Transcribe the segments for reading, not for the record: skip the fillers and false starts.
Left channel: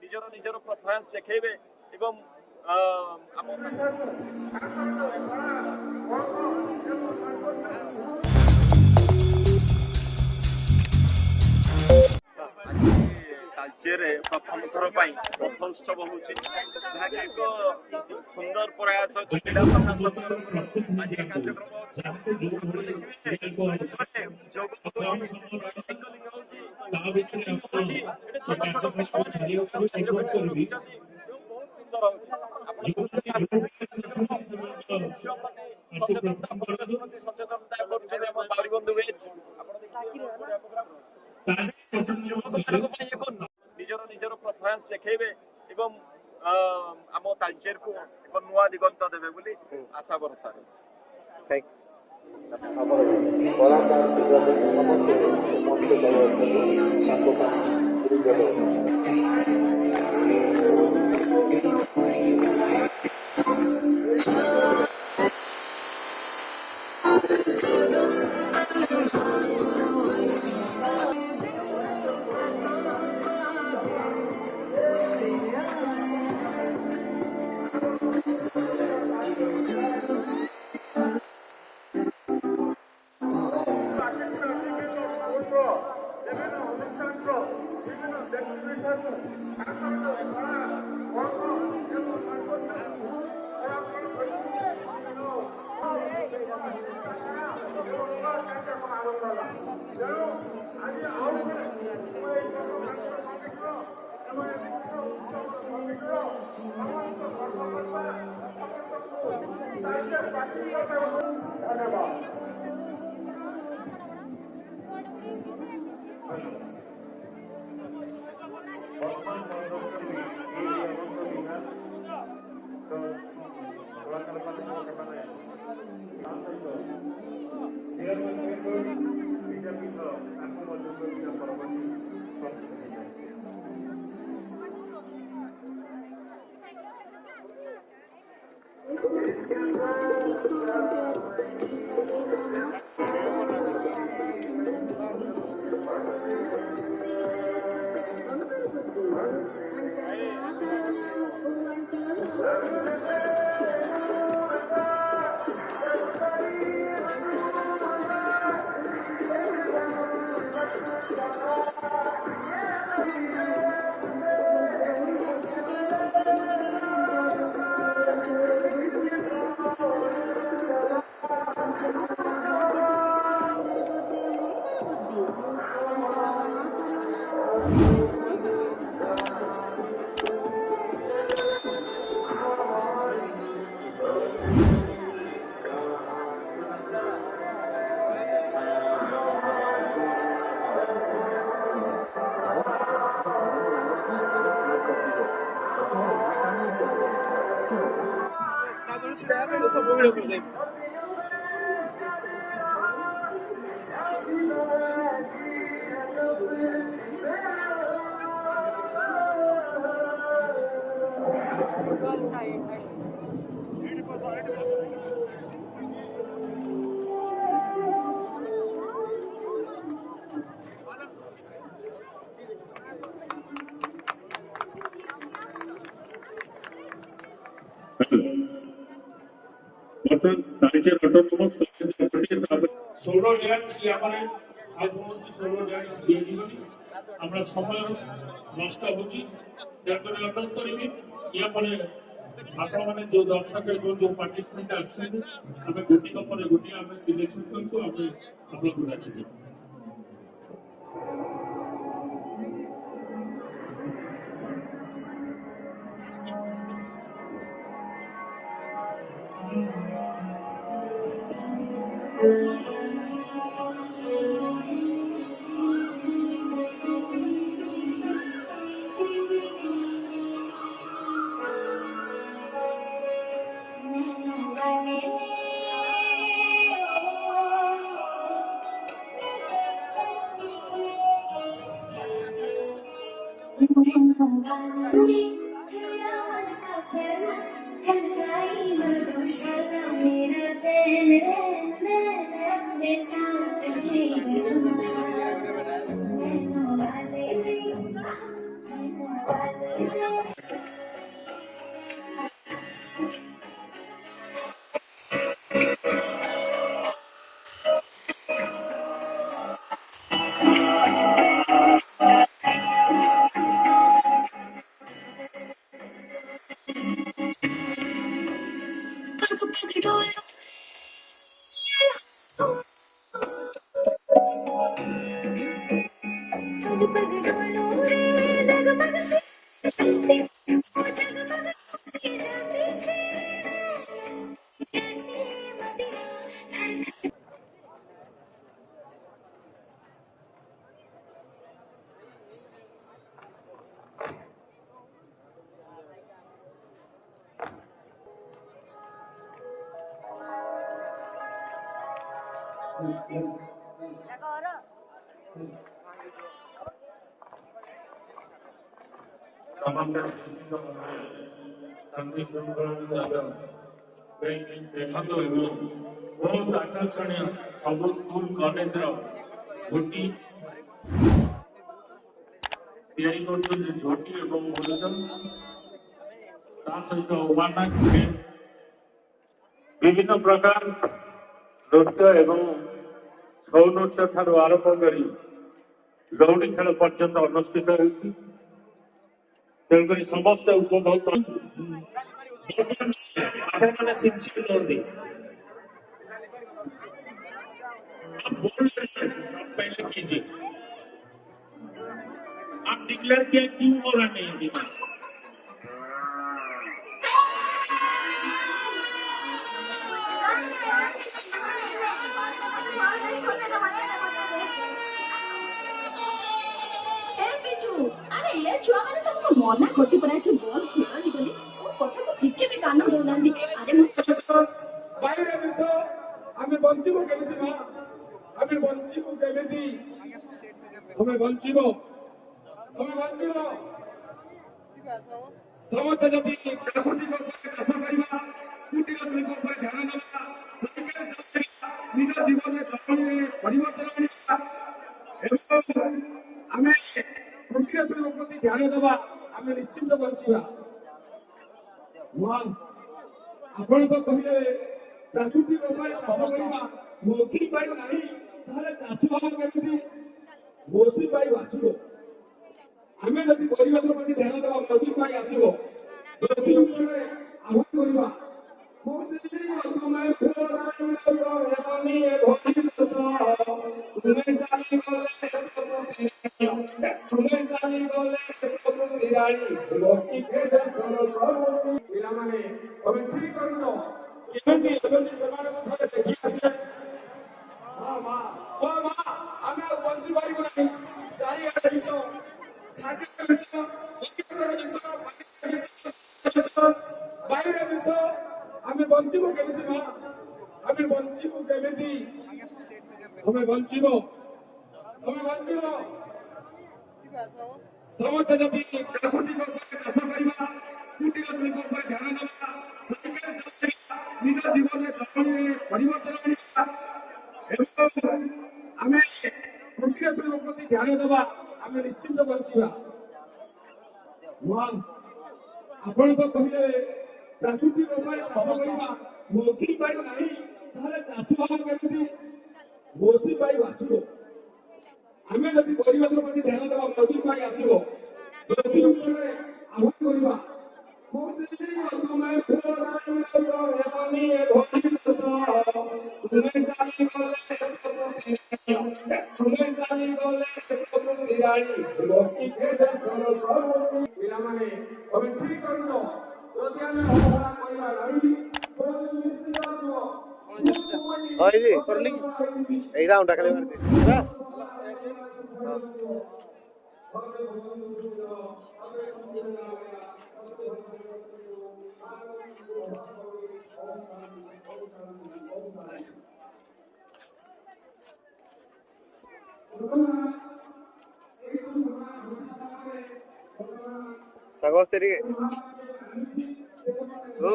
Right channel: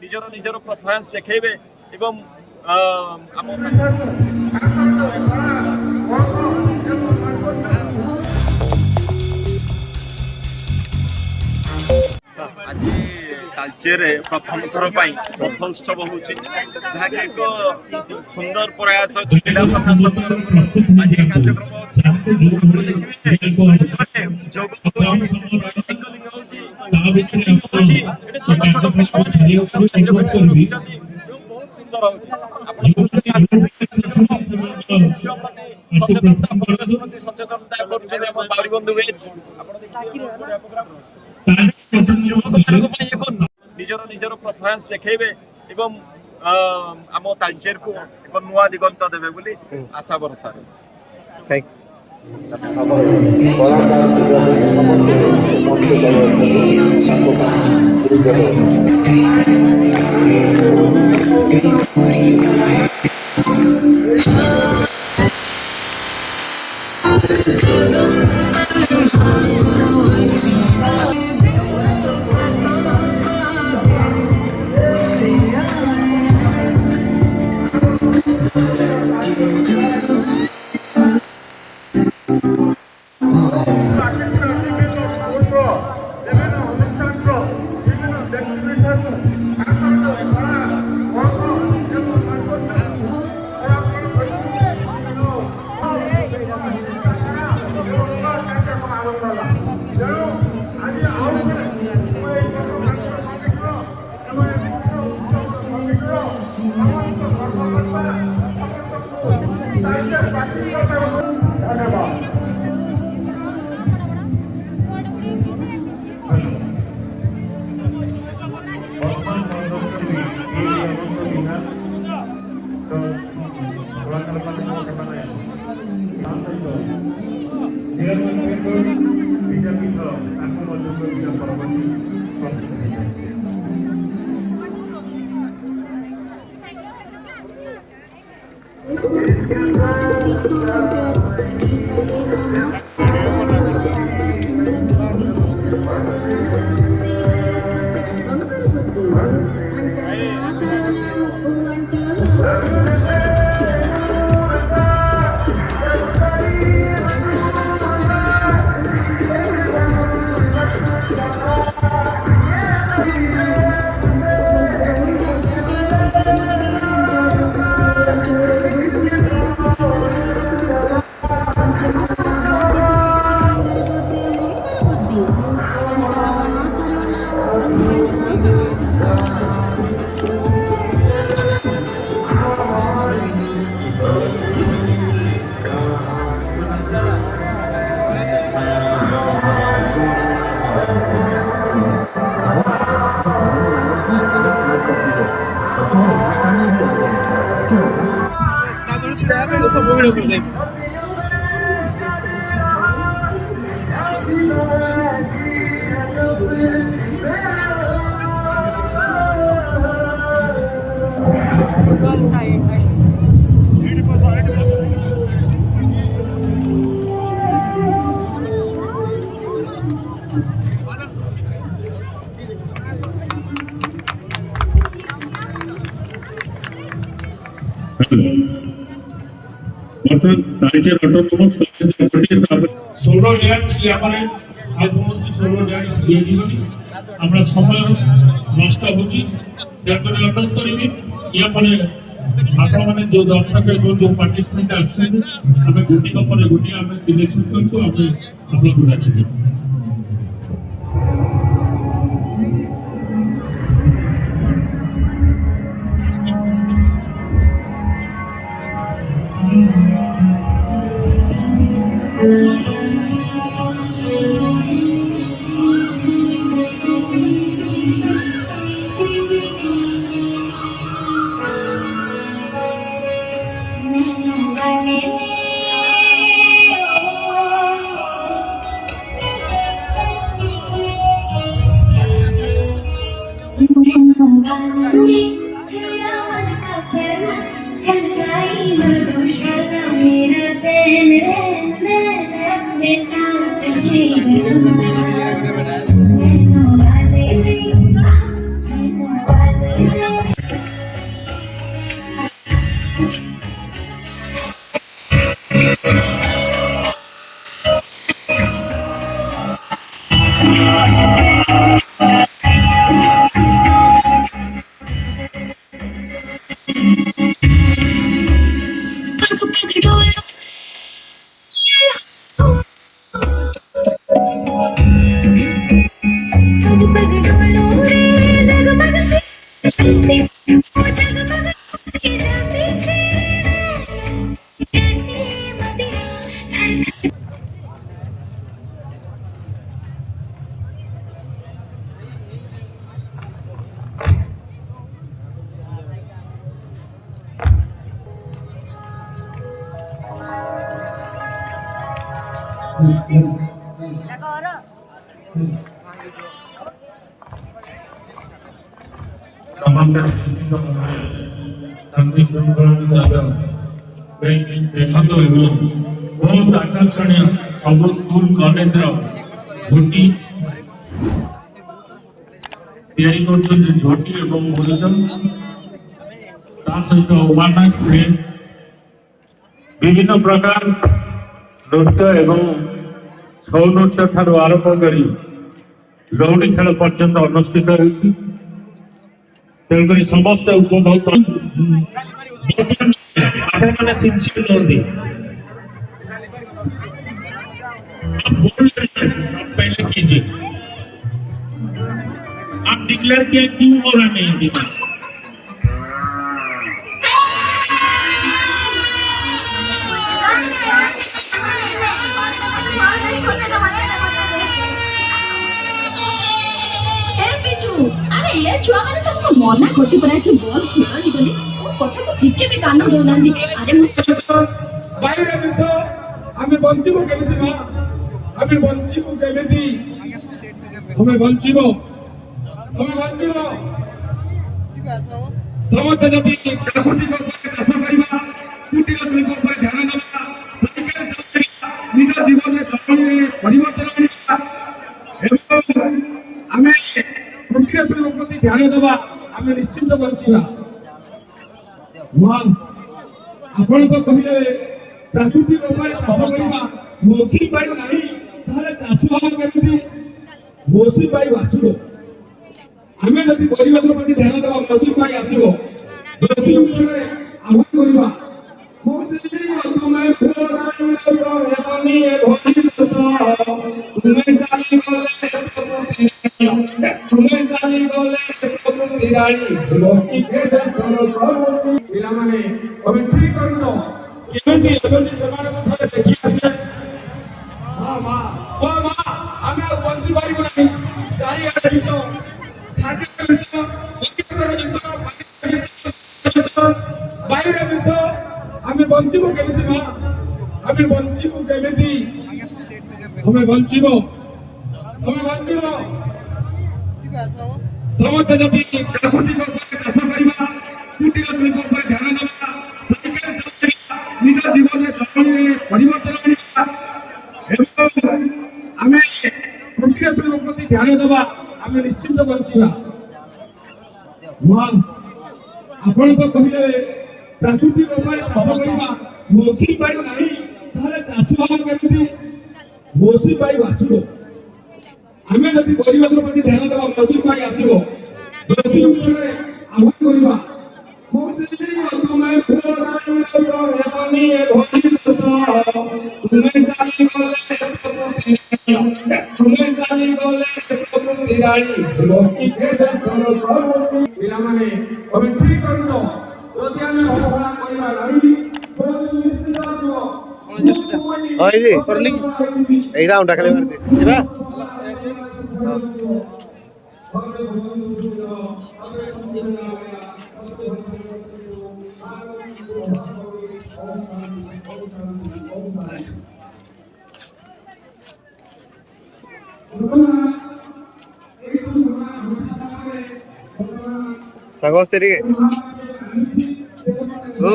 ନିଜର ନିଜର ପରଫରମାନ୍ସ ଦେଖେଇବେ ଏବଂ ଆମ तालचेरे प्रथम थर रथोत्सव होची जहाँकि एक सुंदर प्रयास जिला प्रशासन आज कार्यक्रम जोग साइक्लिंग होची छोट छोट सचेतनता निजर निजर परफॉर्मेंस देखेबे एवं आम तालचेर को एक नुआ दिगंत देबे बोली आशा भरोसा रहछि। Thank Talcher autonomous solo dance यापरे आत्मसी सोलो डैंस दिए जीवनी हमरा समय नष्ट होची जतने अनुरोध करिबी यापरे आपण माने जो दर्शक जो पार्टिसिपेंट आछन हमें गुटी को पर गुटी हमें सिलेक्शन करछु हमें आपन गुडा छी देखंतु बहुत आकर्षणीय सब स्कूल कॉलेज झोटी तैयारी करते झोटी एवं मुरुजन सहित ओमानाक विभिन्न प्रकार नृत्य एवं छौ नृत्य ठार आरंभ कर लौड़ी खेल पर्यंत अनुष्ठित होती तेणुक समस्त उपभोग आपने सिंसियर होती पहले कीजिए आप डिक्लेयर किया क्यों हो रहा नहीं अभी तक छुआ मैंने तुमको मना करछि परा छ बॉल खेलनी बोली ओ कथा को ठीक भी कान दोनांदी अरे বাইরে বিষ আমি বঞ্চিব কেমিতি মা আমি বঞ্চিব কেমিতি আমি বঞ্চিব সমস্ত যদি প্রাকৃতিক উপায়ে চাষ করিবা কুটির শিল্প উপরে ধ্যান দেবা সাইকেল চলাইবা নিজ জীবনে চলনে পরিবর্তন আনিবা এবং আমি কুটির শিল্প প্রতি ধ্যান দেবা আমি নিশ্চিন্ত বঞ্চিবা মা ଆପଣ ତ କହିଲେ ପ୍ରାକୃତିକ ଉପାୟରେ ଚାଷ କରିବା ମୌସୁମୀ ବାୟୁ ନାହିଁ ତାହେଲେ ଚାଷ ହବ କେମିତି ମୌସୁମୀ ବାୟୁ ଆସିବ ଆମେ ଯଦି ପରିବେଶ ପ୍ରତି ଧ୍ୟାନ ଦେବା ମୌସୁମୀ ବାୟୁ ଆସିବ ମୌସୁମୀ ଉପରେ ଆହ୍ୱାନ କରିବା ମୌସୁମୀ ତୁମେ ପିଲାମାନେ ତମେ ଠିକ କରିଛ କେମିତି ଅଛନ୍ତି ସେମାନଙ୍କୁ ଥରେ ଦେଖି ଆସିଲେ ମା ଆମେ ଆଉ ବଞ୍ଚି ପାରିବୁ ନାହିଁ ଚାରିଆଡ଼େ ବିଷ ଖାଦ୍ୟ ବିଷ ପରିବେଶର ବିଷ ବାୟୁର ବିଷ ଆମେ ବଞ୍ଚିବୁ କେମିତି ମା ଆମେ ବଞ୍ଚିବୁ କେମିତି ଆମେ ବଞ୍ଚିବ ସମସ୍ତେ ଯଦି ପ୍ରାକୃତିକ ଉପାୟରେ ଚାଷ କରିବା କୁଟିର ଶିଳ୍ପ ଉପରେ ଧ୍ୟାନ ଦେବା ସାଇକେଲ ଚଲାଇବା ନିଜ ଜୀବନରେ ଚଳନରେ ପରିବର୍ତ୍ତନ ଆଣିବା ଏବଂ ଆମେ କୁଟିର ଶିଳ୍ପ ପ୍ରତି ଧ୍ୟାନ ଦେବା ଆମେ ନିଶ୍ଚିନ୍ତ ବଞ୍ଚିବା ମା ଆପଣ ତ କହିଲେ ପ୍ରାକୃତିକ ଉପାୟରେ ଚାଷ କରିବା ମୌସୁମୀ ବାୟୁ ନାହିଁ ତାହେଲେ ଚାଷ ହବ କେମିତି ମୌସୁମୀ ବାୟୁ ଆସିବ ଆମେ ଯଦି ପରିବେଶ ପ୍ରତି ଧ୍ୟାନ ଦେବା ମୌସୁମୀ ବାୟୁ ଆସିବ ମୌସୁମୀ ଉପରେ ଆହ୍ୱାନ କରିବା ମୌସୁମୀ ତୁମେ ପିଲାମାନେ ତମେ ଠିକ କରିଛ ଯଦି ଆମେ ଅବହେଳା କରିବା ନାହିଁ এই রাউন্ডটা খালি মারি দিবা সাগস তেরিকে ও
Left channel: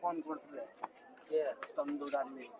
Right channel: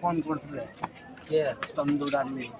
फोन करते के चंदू डाली